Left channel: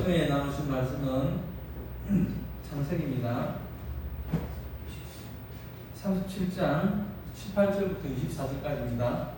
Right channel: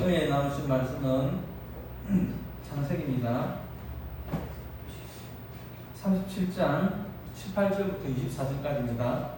은혜 나누신 말씀은 창세기입니다. 37장 18절부터 24절까지입니다.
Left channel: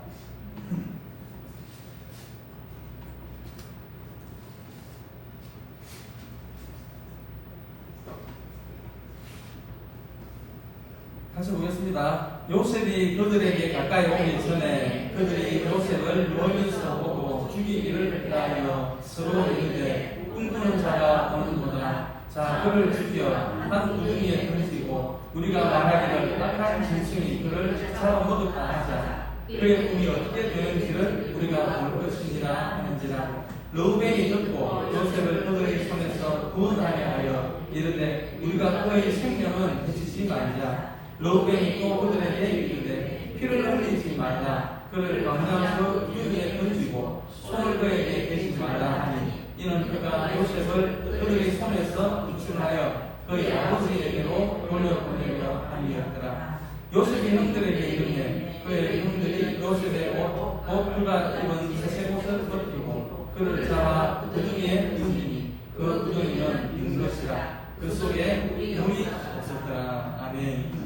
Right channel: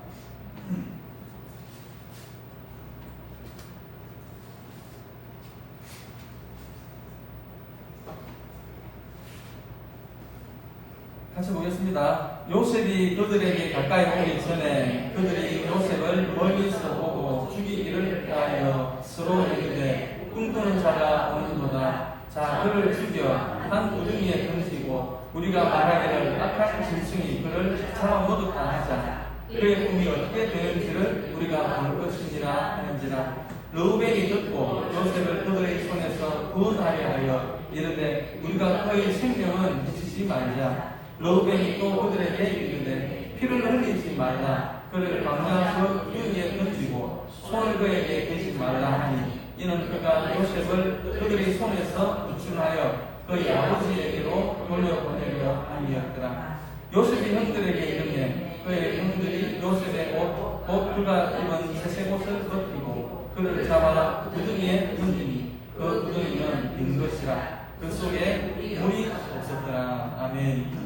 같이 보겠습니다. 요셉이 그들에게 가까이 오기 전에 그들이 요셉을 멀리서 보고 죽이기를 하여 서로 이르되 꿈꾸는 자가 오는도다. 자, 그를 죽여 한 구덩이에 던지고 우리가 말하기를 악한 짐승이 그를 잡아먹었다 하자. 그의 꿈이 어떻게 되는지를 우리가 볼 것이니라 하는지라. 르우벤이 듣고 요셉을 그들의 손에서 구원하려 하여 이르되 우리가 그의 생명은 해치지 말자. 르우벤이 또 그들에게 이르되 피를 흘리지 말라. 그를 광야에서 유리에 던지고 손을 그에게 대지 말라 하니 이는 그가 요셉을 그들의 손에서 구출하여 그의 아버지에게로 돌려보내려 함이었더라. 요셉이 형들에게 이르매 그의 형들이 요셉의 옷 그가 입은 새색 옷을 벗기고 그를 잡아 구덩이에 던지니 그 구덩이는 빈 것이라. 그 속에 물이 없었더라. 아멘.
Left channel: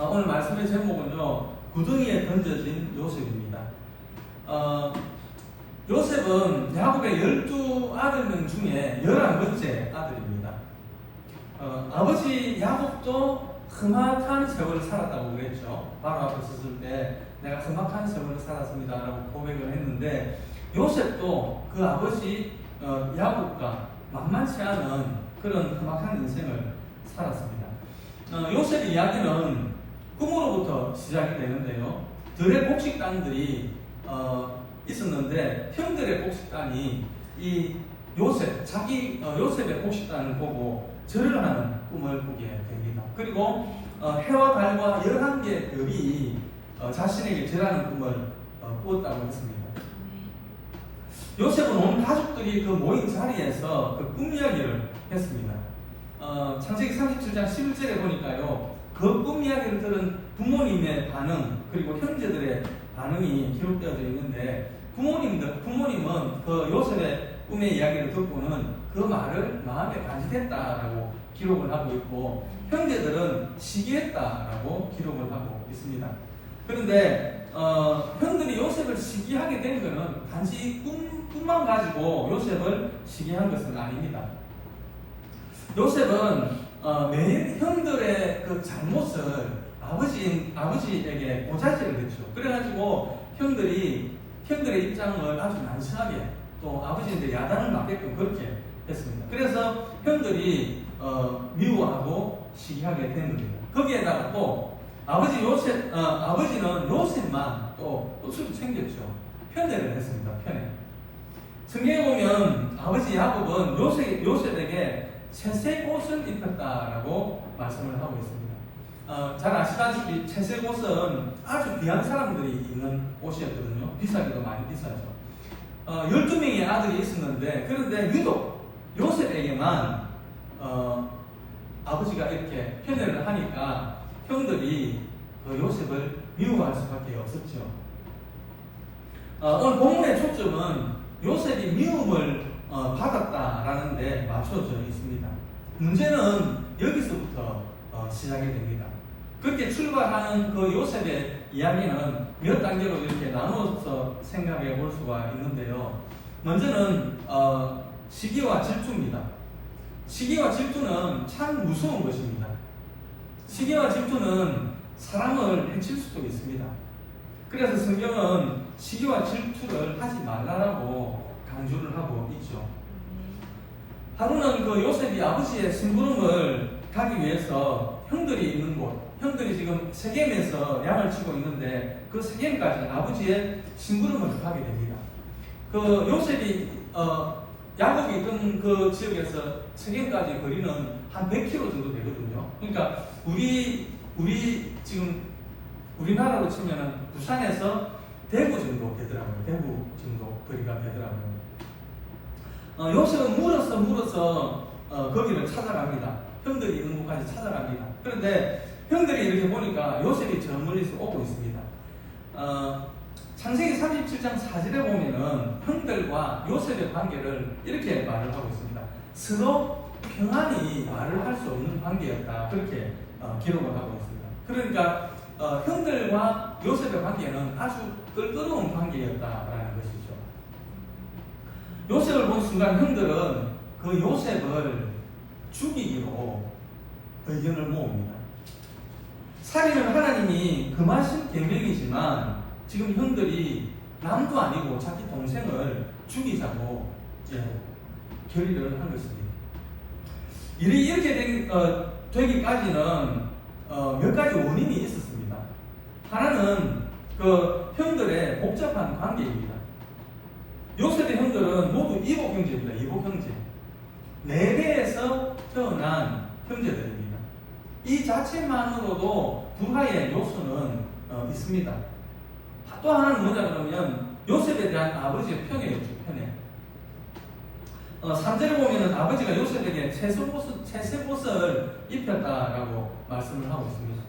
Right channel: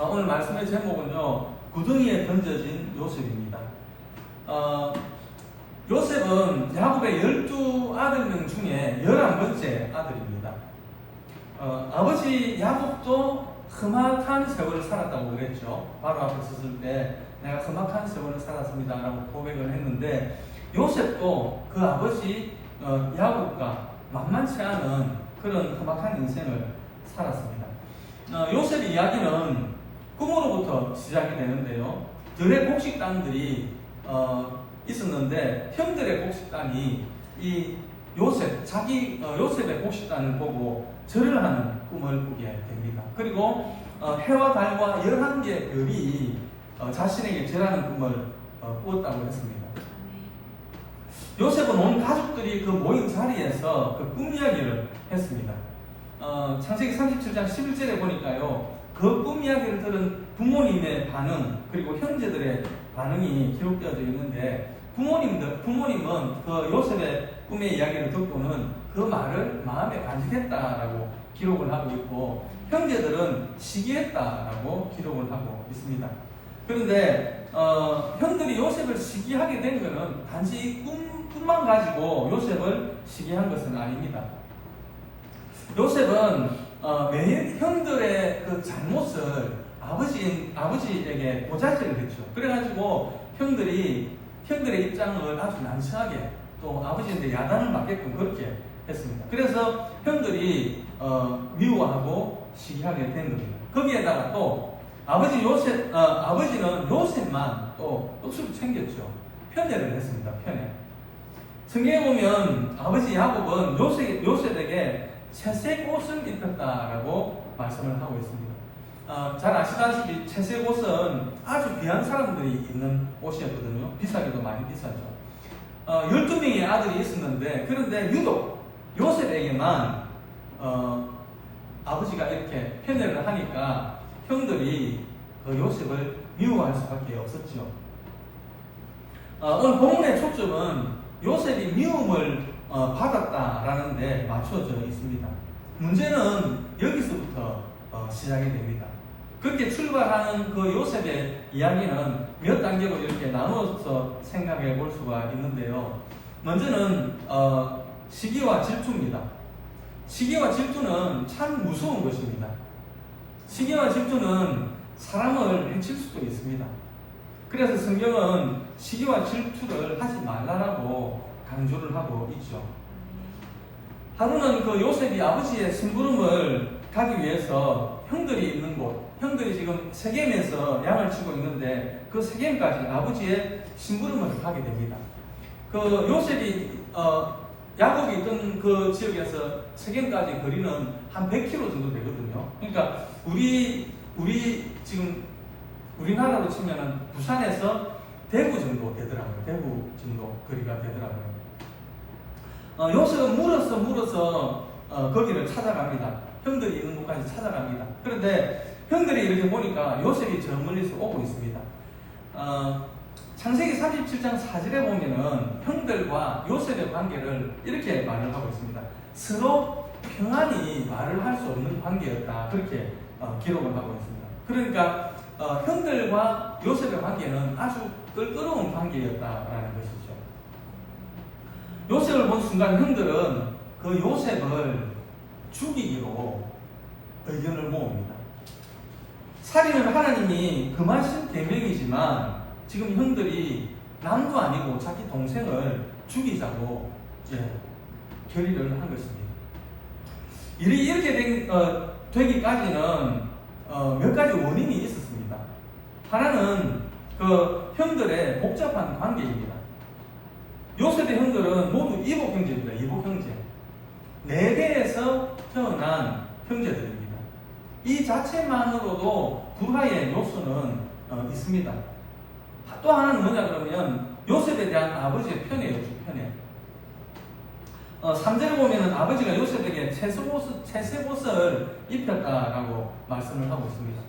오늘 말씀의 제목은요, 구덩이에 던져진 요셉입니다. 요셉은 야곱의 12아들명 중에 11번째 아들입니다. 아버지 야곱도 험악한 세월을 살았다고 그랬죠. 바로 앞에 섰을 때 내가 험악한 세월을 살았습니다 라고 고백을 했는데, 요셉도 그 아버지 야곱과 만만치 않은 그런 험악한 인생을 살았습니다. 요셉의 이야기는 꿈으로부터 시작이 되는데요. 들의 곡식 땅들이 있었는데 형들의 곡식 땅이 이 요셉의 곡식 땅을 보고 절을 하는 꿈을 꾸게 됩니다. 그리고 해와 달과 11개의 별이 자신에게 절하는 꿈을 꾸었다고 했습니다. 요셉은 온 가족들이 그 모인 자리에서 그 꿈 이야기를 했습니다. 창세기 37장 11절에 보니까요, 그 꿈 이야기를 들은 부모님의 반응, 그리고 형제들의 반응이 기록되어져 있는데, 부모님은 그 요셉의 꿈의 이야기를 듣고는 그 말을 마음에 간직했다라고 기록을 하고 있고, 형제들은 시기했다라고 기록을 하고 있습니다. 그런데 형들이 요셉을 시기하게 된 것은 단지 이 꿈만 가지고 요셉을 시기한 것은 아닙니다. 요셉은 매일 형들의 그 잘못을 아버지에게 고자질을 했죠. 그래가지고 형들의 입장을 아주 난처하게, 또 아버지한테 야단을 맞게끔 그렇게 했습니다. 그래서 형들이 미워하고 시기하게 된 겁니다. 거기에다가 또 아버지는 요셉만 또 옷을 챙겼죠. 편애를 했습니다. 편애. 성경에 보면 아버지 야곱은 요셉에게 채색 옷을 입혔다라고 말씀을 하고 있습니다. 잘 아시다시피 채색 옷은 아주 귀한 사람들이 입는 옷이었거든요. 비싸기도 많이 비싸죠. 12명의 아들이 있었는데, 그런데 유독 요셉에게만 아버지가 이렇게 편애를 하니까 형들이 그 요셉을 미워할 수밖에 없었죠. 오늘 본문의 초점은 요셉이 미움을 받았다라는 데 맞춰져 있습니다. 문제는 여기서부터 시작이 됩니다. 그렇게 출발하는 그 요셉의 이야기는 몇 단계로 이렇게 나눠서 생각해 볼 수가 있는데요. 먼저는 시기와 질투입니다. 시기와 질투는 참 무서운 것입니다. 시기와 질투는 사람을 해칠 수도 있습니다. 그래서 성경은 시기와 질투를 하지 말라라고 강조를 하고 있죠. 하루는 그 요셉이 아버지의 심부름을 가기 위해서 형들이 있는 곳, 형들이 지금 세겜에서 양을 치고 있는데 그 세겜까지 아버지의 심부름을 가게 됩니다. 그 요셉이 야곱이 있던 그 지역에서 세겜까지 거리는 한 100km 정도 되거든요. 그러니까 지금 우리나라로 치면은 부산에서 대구 정도 되더라고요. 대구 정도 거리가 되더라고요. 요셉은 물어서 거기를 찾아갑니다. 형들이 있는 곳까지 찾아갑니다. 그런데 형들이 이렇게 보니까 요셉이 저 멀리서 오고 있습니다. 창세기 37장 4절에 보면은 형들과 요셉의 관계를 이렇게 말을 하고 있습니다. 서로 평안히 말을 할 수 없는 관계였다. 그렇게 기록을 하고 있습니다. 그러니까 형들과 요셉의 관계는 아주 껄끄러운 관계였다라는 것이죠. 요셉을 본 순간 형들은 그 요셉을 죽이기로 의견을 모읍니다. 살인은 하나님이 금하신 계명이지만 지금 형들이 남도 아니고 자기 동생을 죽이자고 이제 결의를 한 것입니다. 일이 이렇게 되기까지는 몇 가지 원인이 있었습니다. 하나는 그 형들의 복잡한 관계입니다. 요셉의 형들은 모두 이복 형제입니다. 이복 형제. 4대에서 태어난 형제들입니다. 이 자체만으로도 불화의 요소는 있습니다. 또 하나는 뭐냐 그러면 요셉에 대한 아버지의 편애였죠. 편애. 3절에 보면은 아버지가 요셉에게 채색옷을 입혔다라고 말씀을 하고 있습니다.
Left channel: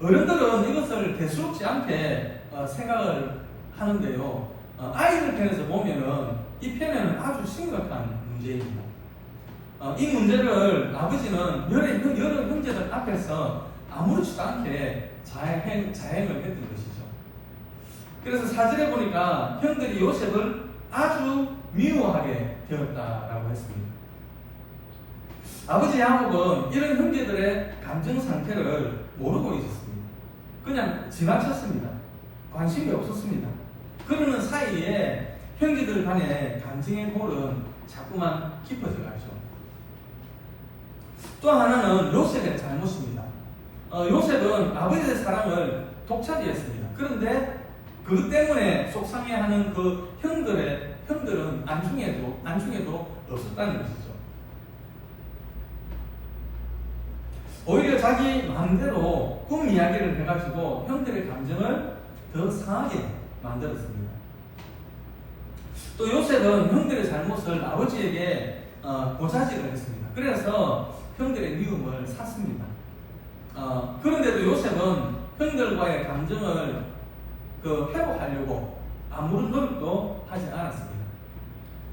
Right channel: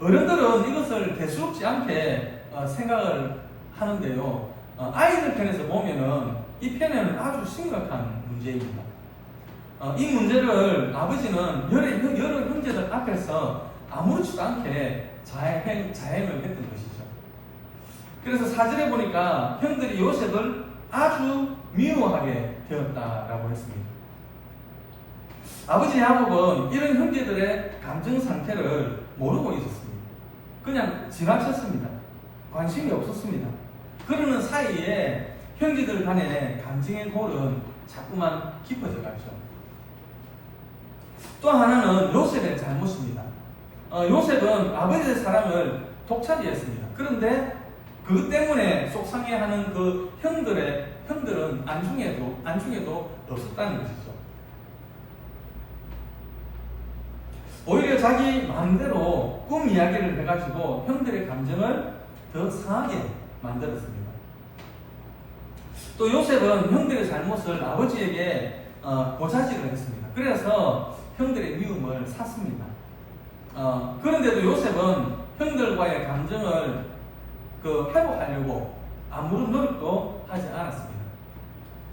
어른들은 이것을 대수롭지 않게 생각을 하는데요. 아이들 편에서 보면은 이 편애는 아주 심각한 문제입니다. 이 문제를 아버지는 여러 형제들 앞에서 아무렇지도 않게 자행을 했던 것이죠. 그래서 4절에 보니까 형들이 요셉을 아주 미워하게 되었다라고 했습니다. 아버지 야곱은 이런 형제들의 감정 상태를 모르고 있었습니다. 그냥 지나쳤습니다. 관심이 없었습니다. 그러는 사이에 형제들 간의 감정의 골은 자꾸만 깊어져 갔죠. 또 하나는 요셉의 잘못입니다. 요셉은 아버지의 사랑을 독차지했습니다. 그런데 그것 때문에 속상해하는 그 형들은 안중에도 없었다는 것이죠. 오히려 자기 마음대로 꿈 이야기를 해가지고 형들의 감정을 더 상하게 만들었습니다. 또 요셉은 형들의 잘못을 아버지에게 고자질을 했습니다. 그래서 형들의 미움을 샀습니다. 그런데도 요셉은 형들과의 감정을 회복하려고 아무런 노력도 하지 않았습니다.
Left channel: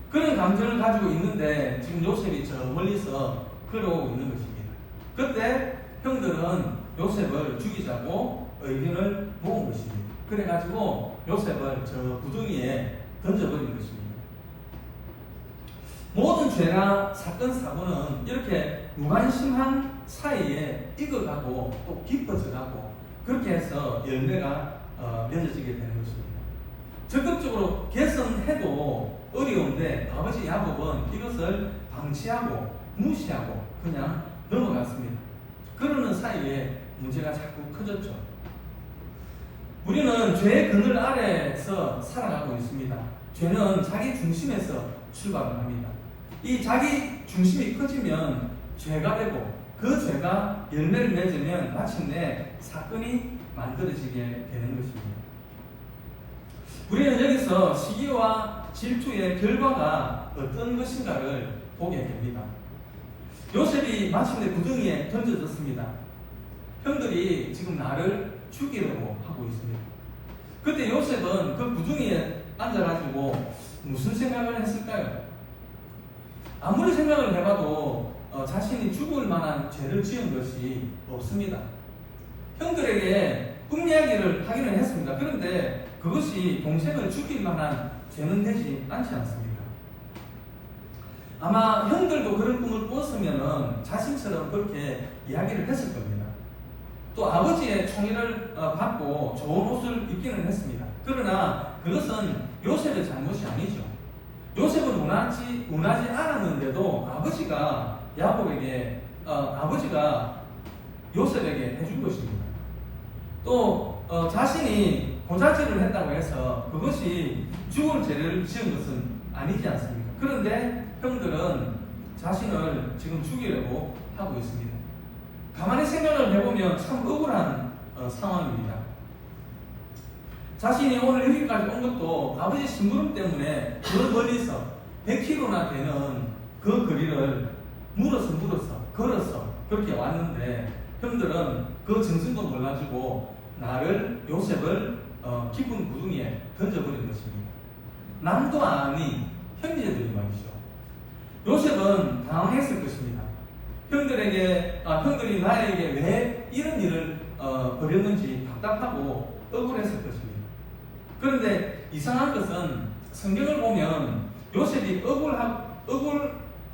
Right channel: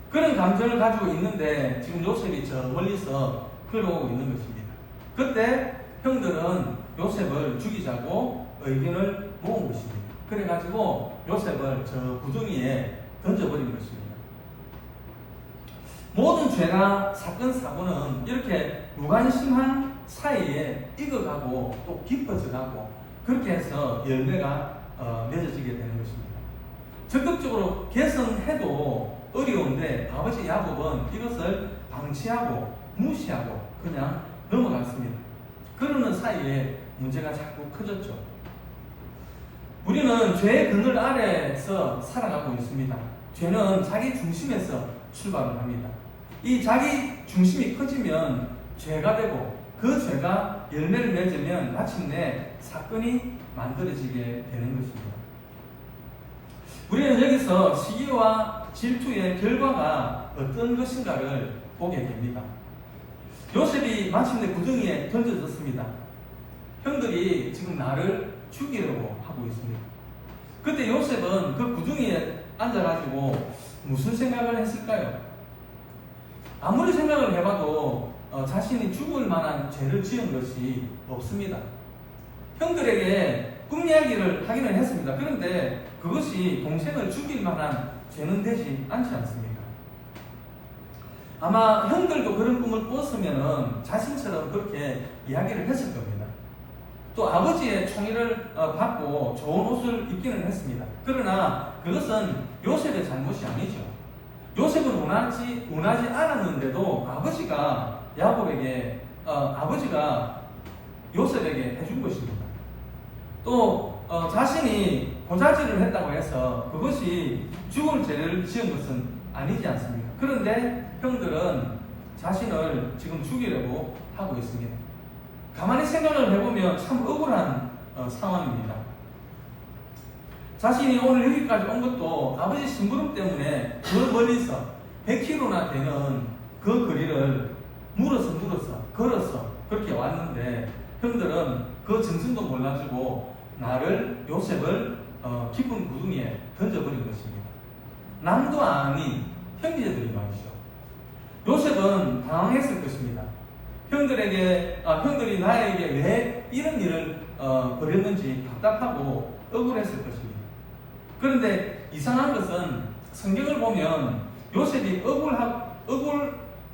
그런 감정을 가지고 있는데 지금 요셉이 저 멀리서 걸어오고 있는 것입니다. 그때 형들은 요셉을 죽이자고 의견을 모은 것입니다. 그래가지고 요셉을 저 구덩이에 던져버린 것입니다. 모든 죄나 사건, 사고는 이렇게 무관심한 사이에 익어가고 또 깊어져가고 그렇게 해서 열매가 맺어지게 되는 것입니다. 적극적으로 개선해도 어려운데 아버지 야곱은 이것을 방치하고 무시하고 그냥 넘어갔습니다. 그러는 사이에 문제가 자꾸 커졌죠. 우리는 죄의 그늘 아래에서 살아가고 있습니다. 죄는 자기 중심에서 출발을 합니다. 이 자기 중심이 커지면 죄가 되고 그 죄가 열매를 맺으면 마침내 사건이 만들어지게 되는 것입니다. 우리는 여기서 시기와 질투의 결과가 어떤 것인가를 보게 됩니다. 요셉이 마침내 구덩이에 던져졌습니다. 형들이 지금 나를 죽이려고 하고 있습니다. 그때 요셉은 그 구덩이에 앉아가지고 무슨 생각을 했을까요? 아무리 생각을 해봐도 자신이 죽을 만한 죄를 지은 것이 없습니다. 형들에게 꿈 이야기를 하기는 했습니다. 그런데 그것이 동생을 죽일 만한 죄는 되지 않지 않습니까? 아마 형들도 그런 꿈을 꾸었으면 자신처럼 그렇게 이야기를 했을 겁니다. 또 아버지의 총애를 받고 좋은 옷을 입기는 했습니다. 그러나 그것은 요셉의 잘못이 아니죠. 요셉은 운하지 않았는데도 아버지가 요셉에게 해준 것입니다. 또 자신이 고자질을 했다고 해서 그것이 죽을 죄를 지은 것은 아니지 않습니까? 그런데 형들은 자신을 지금 죽이려고 하고 있습니다. 가만히 생각을 해보면 참 억울한 상황입니다. 자신이 오늘 여기까지 온 것도 아버지 심부름 때문에 그 멀리서 100km나 되는 그 거리를 걸어서 그렇게 왔는데 형들은 그 정승도 몰라주고 요셉을 깊은 구덩이에 던져버린 것입니다. 남도 아닌 형제들이 말이죠. 요셉은 당황했을 것입니다. 형들이 나에게 왜 이런 일을 벌였는지 답답하고 억울했을 것입니다. 그런데 이상한 것은 성경을 보면 요셉이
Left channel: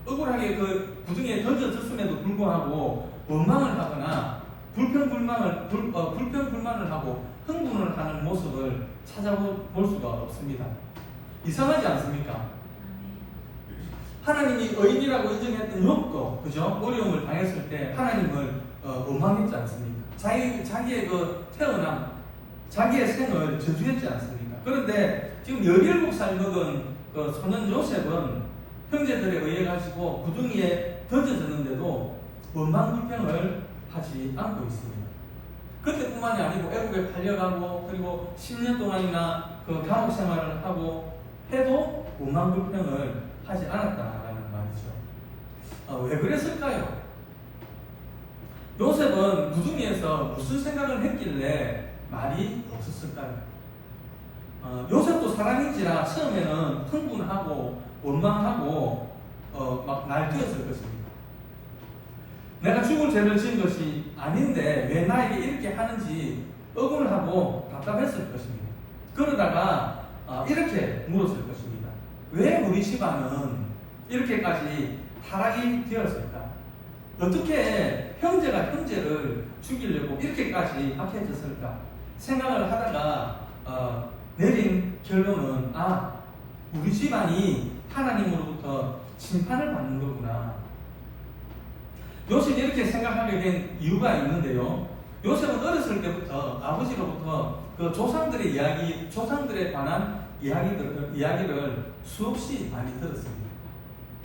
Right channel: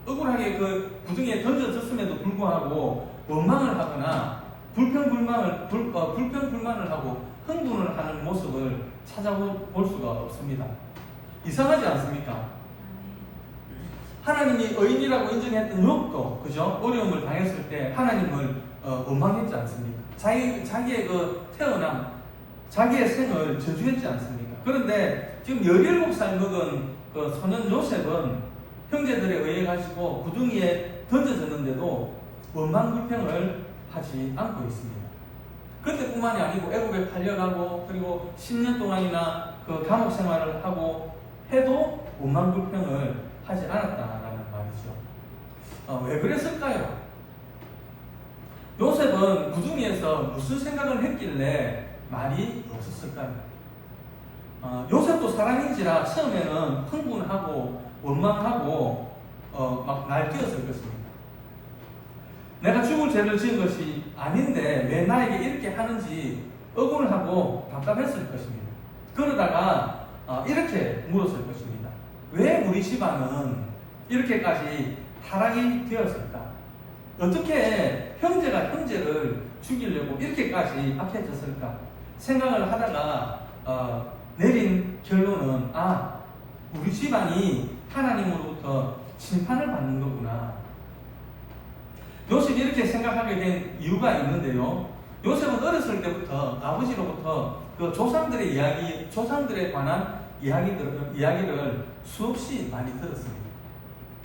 억울하게 그 구덩이에 던져졌음에도 불구하고 원망을 하거나 불평불만을 하고 흥분을 하는 모습을 찾아볼 수가 없습니다. 이상하지 않습니까? 하나님이 의인이라고 인정했던 욥도 그죠? 어려움을 당했을 때 하나님을 원망했지 않습니까? 자기의 그 태어남, 자기의 생을 저주했지 않습니까? 그런데 지금 17살 먹은 그 소년 요셉은 형제들에 의해 가지고 구덩이에 던져졌는데도 원망 불평을 하지 않고 있습니다. 그때뿐만이 아니고 애국에 팔려가고 그리고 10년 동안이나 그 감옥 생활을 하고 해도 원망 불평을 하지 않았다라는 말이죠. 왜 그랬을까요? 요셉은 구덩이에서 무슨 생각을 했길래 말이 없었을까요? 요셉도 사람인지라 처음에는 흥분하고 원망하고 막 날뛰었을 것입니다. 내가 죽을 죄를 지은 것이 아닌데 왜 나에게 이렇게 하는지 억울하고 답답했을 것입니다. 그러다가 이렇게 물었을 것입니다. 왜 우리 집안은 이렇게까지 타락이 되었을까? 어떻게 형제가 형제를 죽이려고 이렇게까지 악해졌을까? 생각을 하다가 내린 결론은 우리 집안이 하나님으로부터 심판을 받는 거구나. 요셉이 이렇게 생각하게 된 이유가 있는데요. 요셉은 어렸을 때부터 아버지로부터 그 조상들에 관한 이야기를 수없이 많이 들었습니다.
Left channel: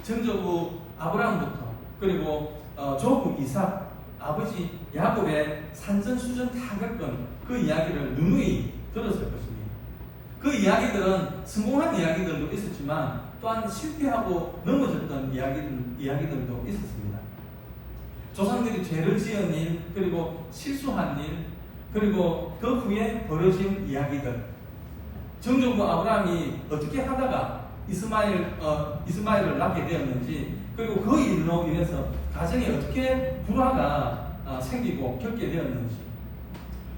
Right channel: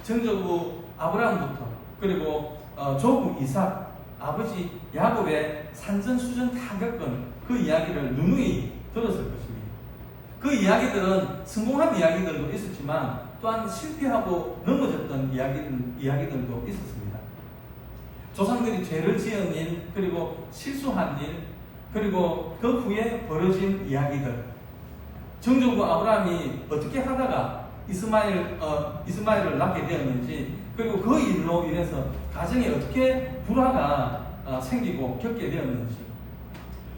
전조부 아브라함부터 그리고 조부 이삭, 아버지 야곱의 산전수전 다 겪은 그 이야기를 누누이 들었을 것입니다. 그 이야기들은 성공한 이야기들도 있었지만 또한 실패하고 넘어졌던 이야기들도 있었습니다. 조상들이 죄를 지은 일, 그리고 실수한 일, 그리고 그 후에 벌어진 이야기들. 정조부 아브라함이 어떻게 하다가 이스마엘을 낳게 되었는지, 그리고 그 일로 인해서 가정에 어떻게 불화가 생기고 겪게 되었는지,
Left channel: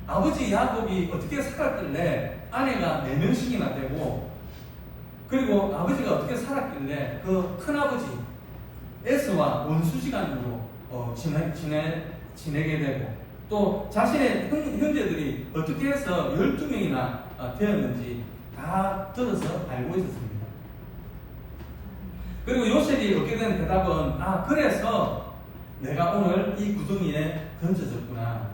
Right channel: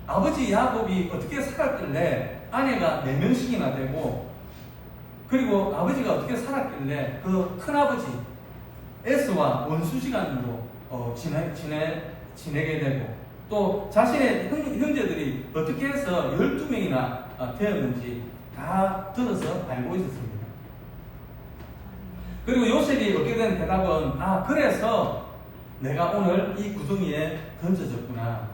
아버지 야곱이 어떻게 살았길래 아내가 4명씩이나 되고, 그리고 아버지가 어떻게 살았길래 그 큰아버지 에스와 원수지간으로 지내게 되고, 또 자신의 형제들이 어떻게 해서 12명이나 되었는지 다 들어서 알고 있었습니다. 그리고 요셉이 얻게 된 대답은 그래서 내가 오늘 이 구덩이에 던져졌구나.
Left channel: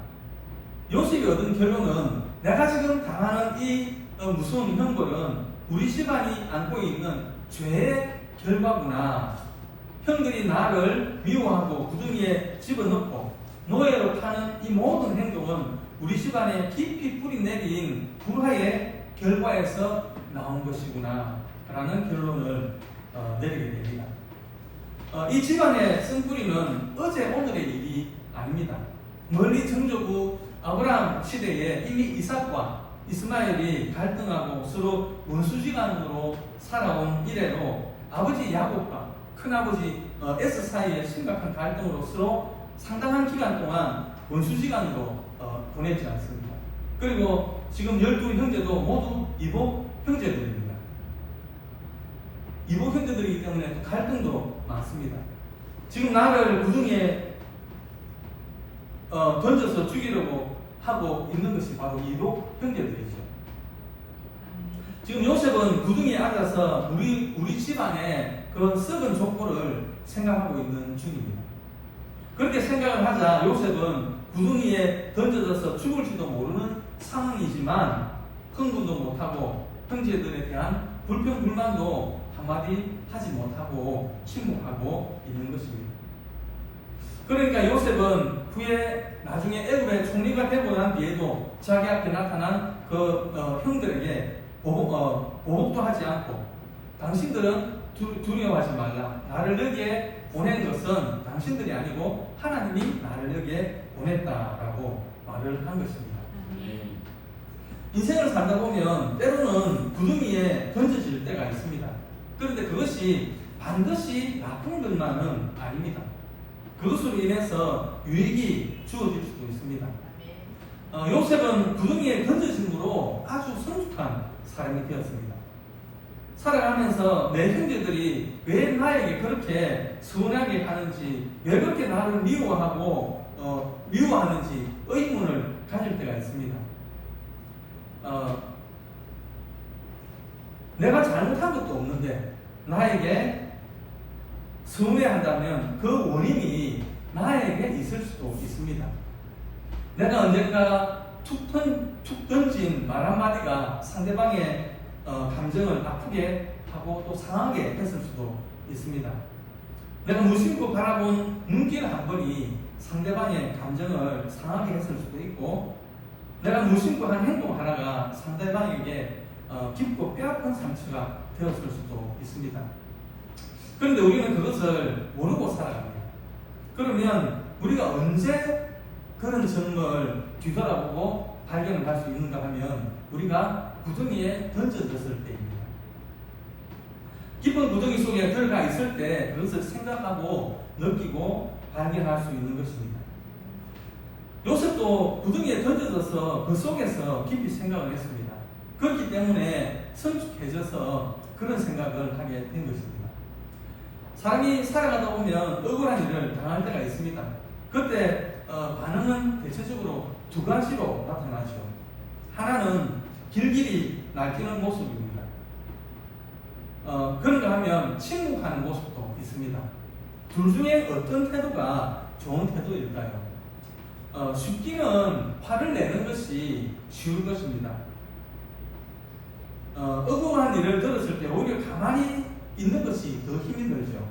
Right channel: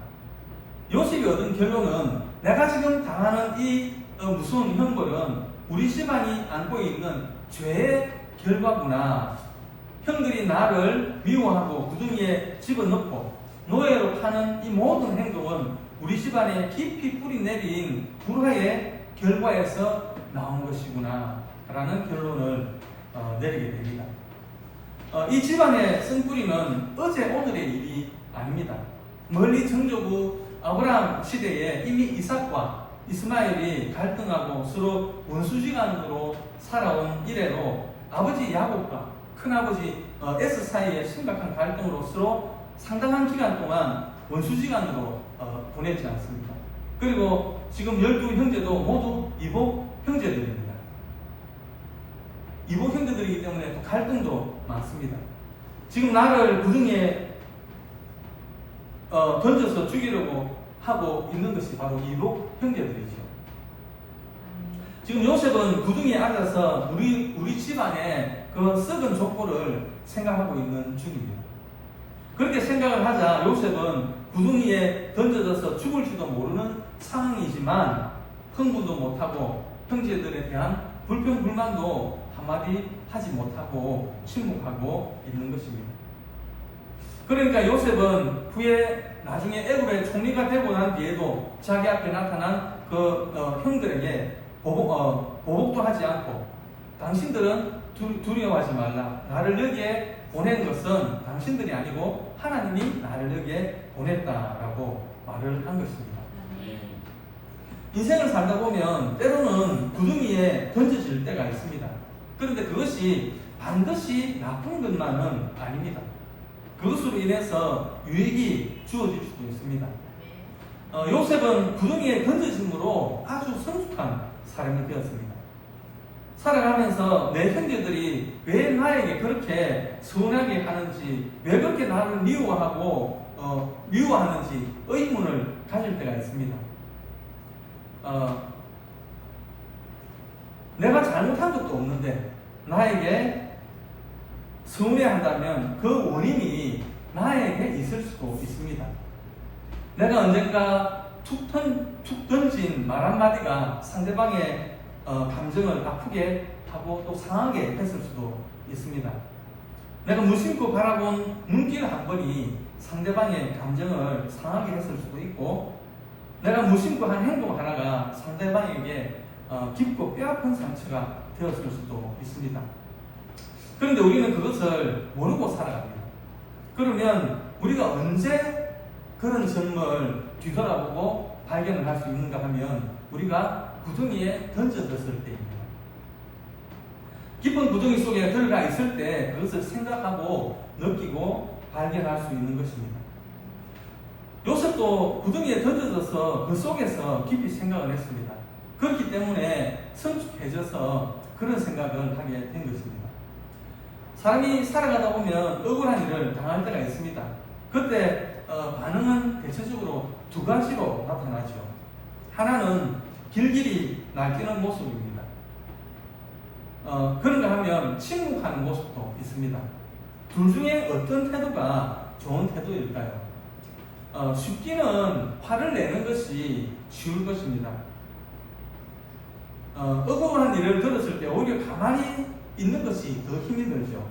요셉이 얻은 결론은 내가 지금 당하는 이 무서운 형벌은 우리 집안이 안고 있는 죄의 결과구나. 형들이 나를 미워하고 구덩이에 집어넣고 노예로 파는 이 모든 행동은 우리 집안에 깊이 뿌리 내린 불화의 결과에서 나온 것이구나 라는 결론을 내리게 됩니다. 이 집안의 쓴뿌리는 어제 오늘의 일이 아닙니다. 멀리 정조부 아브라함 시대에 이미 이삭과 이스마엘이 갈등하고 서로 원수지간으로 살아온 이래로 아버지 야곱과 큰아버지 에스 사이에 심각한 갈등으로 서로 상당한 기간 동안 원수지간으로 보내지 않습니다. 그리고 지금 12형제도 모두 이복 형제들입니다. 이복 형제들이기 때문에 또 갈등도 많습니다. 지금 나를 구덩이에 던져서 죽이려고 하고 있는 것이 바로 이복 형제들이죠. 지금 요셉은 구덩이에 앉아서 우리 집안의 그 썩은 족보를 생각하고 있는 중입니다. 그렇게 생각을 하자 요셉은 구덩이에 던져져서 죽을지도 모르는 상황이지만 흥분도 못하고 형제들에 대한 불평불만도 한마디 하지 못하고 침묵하고 있는 것입니다. 그러니까 요셉은 후에 나중에 애굽의 총리가 되고 난 뒤에도 자기 앞에 나타난 그 형들에게 보복도 하지 않고 당신들은 두려워하지 말라. 나를 여기에 보낸 것은 당신들이 아니고 하나님이 나를 여기에 보냈다라고 말을 한 것입니다. 인생을 살다 보면 때로는 구덩이에 던져질 때가 있습니다. 그런데 그것이 반드시 나쁜 것만은 아닙니다. 그것으로 인해서 유익이 주어질 수도 있습니다. 요셉은 구덩이에 던져짐으로 아주 성숙한 사람이 되었습니다. 살아가면서 내 형제들이 왜 나에게 그렇게 서운하게 하는지, 왜 그렇게 나를 미워하는지 의문을 가질 때가 있습니다. 내가 잘못한 것도 없는데 나에게 서운해한다면 그 원인이 나에게 있을 수도 있습니다. 내가 언젠가 툭 던진 말 한마디가 상대방의 감정을 아프게 하고 또 상하게 했을 수도 있습니다. 내가 무심코 바라본 눈길 한 번이 상대방의 감정을 상하게 했을 수도 있고, 내가 무심코 한 행동 하나가 상대방에게 깊고 뼈아픈 상처가 되었을 수도 있습니다. 그런데 우리는 그것을 모르고 살아갑니다. 그러면 우리가 언제 그런 점을 뒤돌아보고 발견을 할 수 있는가 하면 우리가 구덩이에 던져졌을 때입니다. 깊은 구덩이 속에 들어가 있을 때 그것을 생각하고 느끼고 발견할 수 있는 것입니다. 요셉도 구덩이에 던져져서 그 속에서 깊이 생각을 했습니다. 그렇기 때문에 성숙해져서 그런 생각을 하게 된 것입니다. 사람이 살아가다 보면 억울한 일을 당할 때가 있습니다. 그때 반응은 대체적으로 두 가지로 나타나죠. 하나는 길길이 날뛰는 모습입니다. 그런가 하면 침묵하는 모습도 있습니다. 둘 중에 어떤 태도가 좋은 태도일까요? 쉽기는 화를 내는 것이 쉬울 것입니다. 억울한 일을 들었을 때 오히려 가만히 있는 것이 더 힘이 들죠.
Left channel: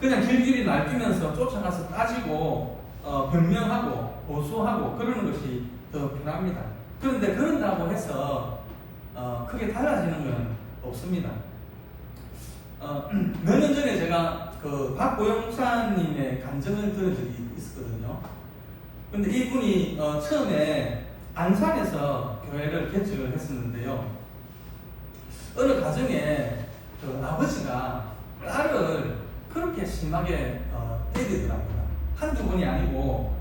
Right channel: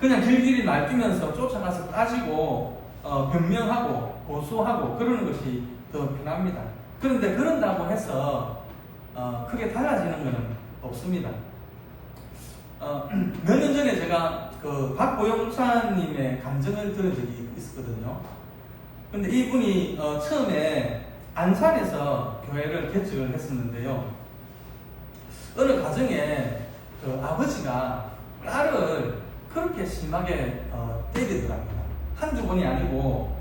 그냥 길길이 날뛰면서 쫓아가서 따지고 변명하고 고소하고 그러는 것이 더 편합니다. 그런데 그런다고 해서 크게 달라지는 건 없습니다. 몇 년 전에 제가 그 박보영 목사님의 감정을 들은 적이 있었거든요. 근데 이분이 처음에 안산에서 교회를 개척을 했었는데요. 어느 가정에 그 아버지가 딸을 그렇게 심하게 때리더라고요. 한두 번이 아니고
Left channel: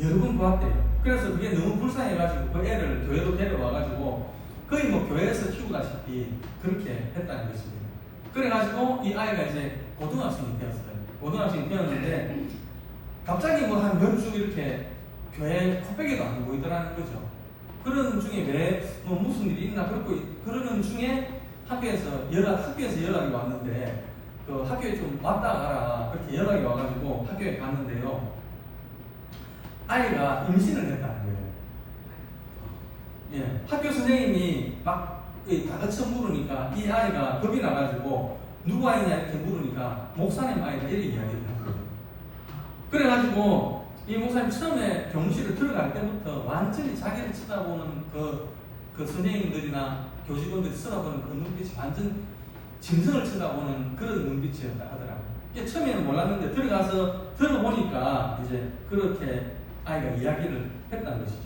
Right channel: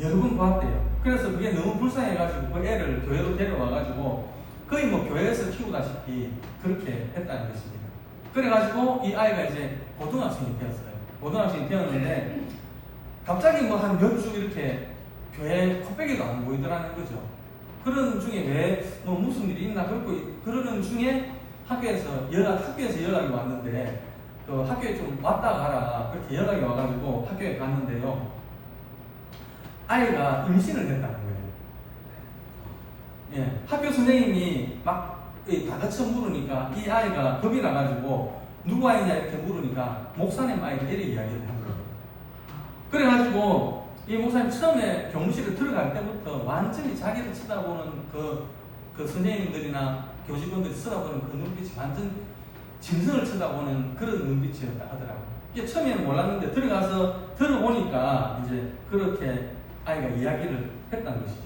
여러 번 보았대요. 그래서 그게 너무 불쌍해가지고 그 애를 교회로 데려와가지고 거의 뭐 교회에서 키우다시피 그렇게 했다는 것입니다. 그래가지고 이 아이가 이제 고등학생이 되었어요. 고등학생이 되었는데 갑자기 뭐 한 몇 주 이렇게 교회 코빼기도 안 보이더라는 거죠. 그런 중에 왜 뭐 무슨 일이 있나 그러는 중에 학교에서 연락이 왔는데 그 학교에 좀 왔다 가라 그렇게 연락이 와가지고 학교에 갔는데요. 아이가 임신을 했다는 거예요. 예, 학교 선생님이 막 다그쳐 물으니까 이 아이가 겁이 나가지고 누구 아이냐 이렇게 물으니까 목사님 아이가 이렇게 이야기를 한 거예요. 그래가지고 이 목사님 처음에 교무실에 들어갈 때부터 완전히 자기를 쳐다보는 그 선생님들이나 교직원들이 쳐다보는 그 눈빛이 완전 짐승을 쳐다보는 그런 눈빛이었다 하더라고요. 이게 처음에는 몰랐는데 들어가서 들어보니까 이제 그렇게 아이가 이야기를 했다는 것이죠.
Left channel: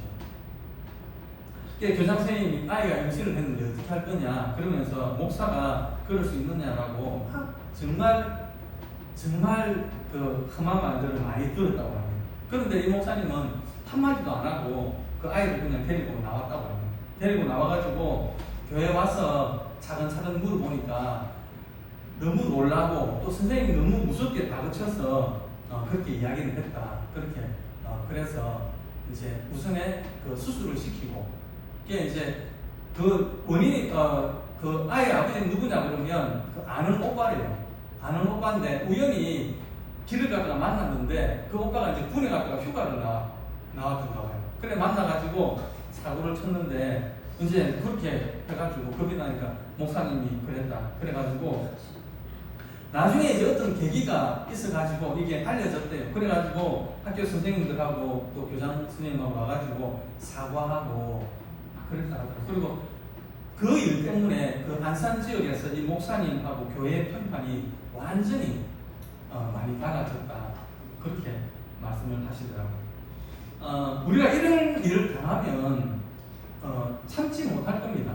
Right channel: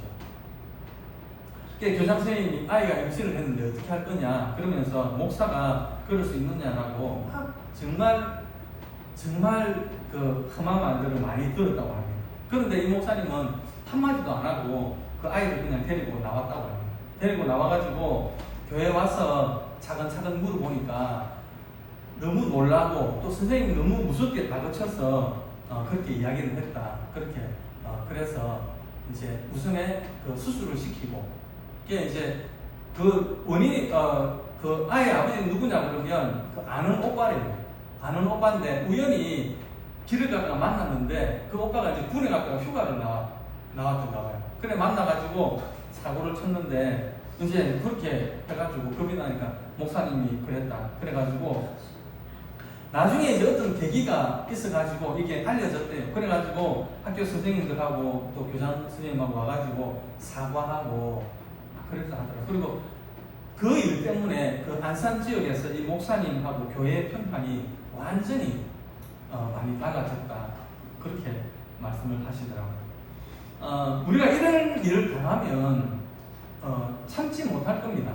교장 선생님이 아이가 임신을 했는데 어떻게 할 거냐 그러면서 목사가 그럴 수 있느냐라고 정말 그 험한 말들을 많이 들었다고 합니다. 그런데 이 목사님은 한마디도 안 하고 그 아이를 그냥 데리고 나왔다고 합니다. 데리고 나와가지고 교회에 와서 차근차근 물어보니까 너무 놀라고 또 선생님이 너무 무섭게 다그쳐서 그렇게 이야기를 했다. 그렇게 그래서 이제 우선에 그 수술을 시키고 이게 이제 그 원인이 그 아이 아버지는 누구냐 그러면 그 아는 오빠래요. 아는 오빠인데 우연히 길을 가다가 만났는데 그 오빠가 이제 군에 갔다가 휴가를 나왔던가 봐요. 그래 만나가지고 사고를 쳤는데 이제 그렇게 해가지고 겁이 나니까 목사님이 그랬다. 그래가지고 나중에 이제 어떤 계기가 있어가지고 이게 알려졌대요. 그래가지고 학교 선생님들하고 또 교장 선생님하고 와가지고 사과하고 그랬다 하더라고요. 그리고 그 일 때문에 그 안산 지역에서 이 목사님하고 교회 편판이 완전히 많이 달라졌다. 그렇게 말씀을 하시더라고요. 우리가 이런 일을 당하면 참지 못할 겁니다.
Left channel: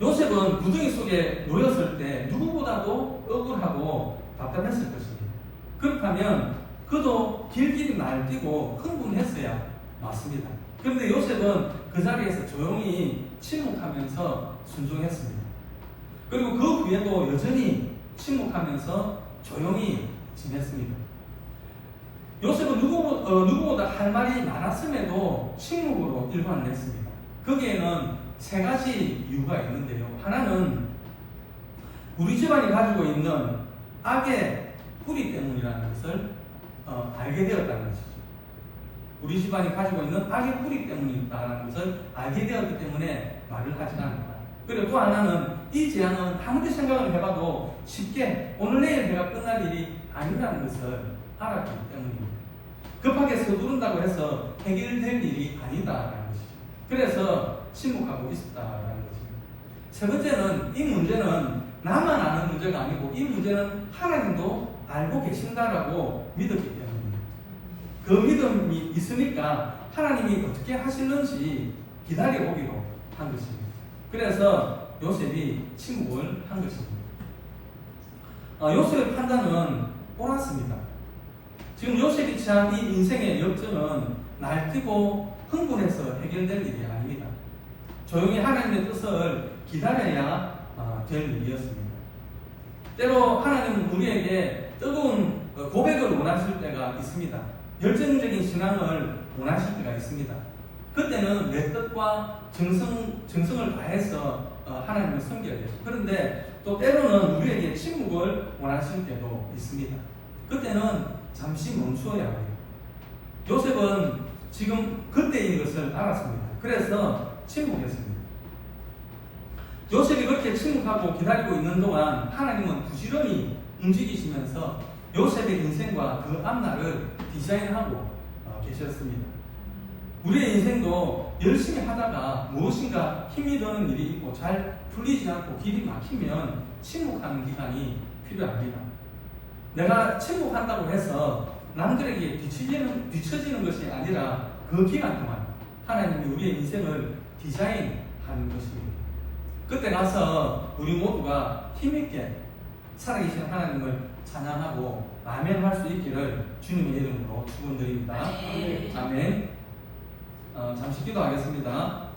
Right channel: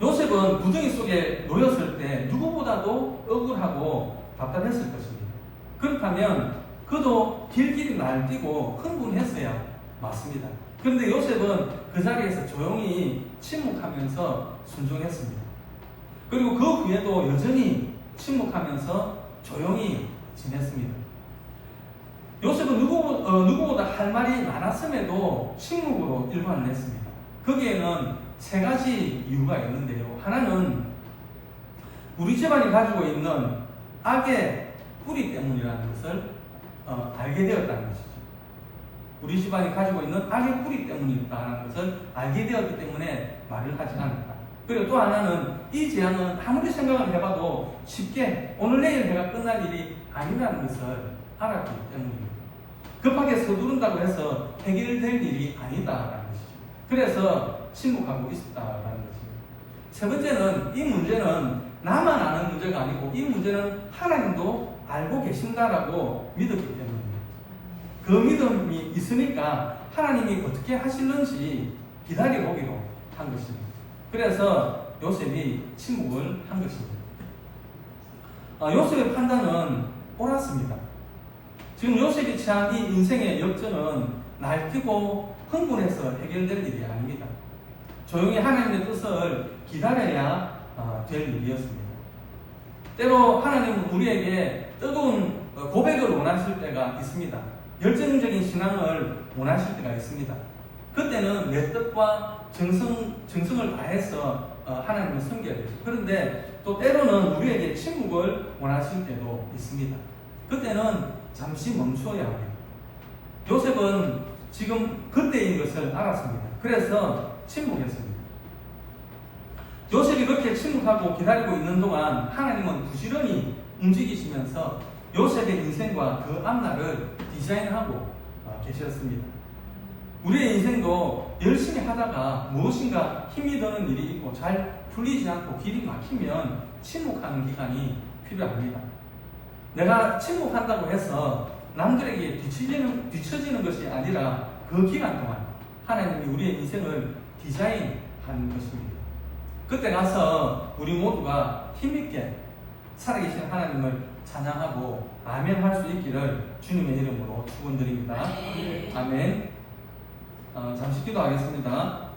요셉은 구덩이 속에 놓였을 때 누구보다도 억울하고 답답했을 것입니다. 그렇다면 그도 길길이 날뛰고 흥분했어야 맞습니다. 그런데 요셉은 그 자리에서 조용히 침묵하면서 순종했습니다. 그리고 그 후에도 여전히 침묵하면서 조용히 지냈습니다. 요셉은 누구보다 할 말이 많았음에도 침묵으로 일관을 했습니다. 거기에는 세 가지 이유가 있는데요. 하나는 우리 집안이 가지고 있는 악의 뿌리 때문이라는 것을 알게 되었다는 것이죠. 우리 집안이 가지고 있는 악의 뿌리 때문이다라는 것을 알게 되었기 때문에 말을 하지 않았다. 그리고 또 하나는 이 재앙은 아무리 생각을 해봐도 쉽게 오늘 내일 해가 끝날 일이 아니라는 것을 알았기 때문입니다. 급하게 서두른다고 해서 해결될 일이 아니다라는 것이죠. 그래서 침묵하고 있었다라는 것이죠. 세 번째는 이 문제는 나만 아는 문제가 아니고 이 문제는 하나님도 알고 계신다라고 믿었기 때문입니다. 그 믿음이 있으니까 하나님이 어떻게 하실는지 기다려보기로 한 것입니다. 그래서 요셉이 침묵을 한 것입니다. 요셉의 판단은 옳았습니다. 지금 요셉이 취한 이 인생의 역전은 날뛰고 흥분해서 해결될 일이 아닙니다. 조용히 하나님의 뜻을 기다려야 될 일이었습니다. 때로 하나님은 우리에게 뜨거운 고백을 원하실 때가 있습니다. 열정적인 신앙을 원하실 때가 있습니다. 그때는 내 뜻과 정성을 다해서 하나님을 섬겨야 되죠. 그런데 또 때로는 우리에게 침묵을 원하실 때도 있습니다. 그때는 잠시 멈추어야 해요. 요셉은 지금 그때인 것을 알았습니다. 그래서 침묵했습니다. 요셉이 그렇게 침묵하고 기다리고 있는 동안 하나님은 부지런히 움직이시면서 요셉의 인생과 그 앞날을 디자인하고 계셨습니다. 우리의 인생도 열심히 하다가 무엇인가 힘이 드는 일이 있고 잘 풀리지 않고 길이 막히면 침묵하는 기간이 필요합니다. 내가 침묵한다고 해서 남들에게 뒤처지는 것이 아니라 그 기간 동안 하나님이 우리의 인생을 디자인하는 것입니다. 그때 가서 우리 모두가 힘있게 살아계신 하나님을 찬양하고 아멘할 수 있기를 주님의 이름으로 축원드립니다. 아멘. 잠시 기도하겠습니다.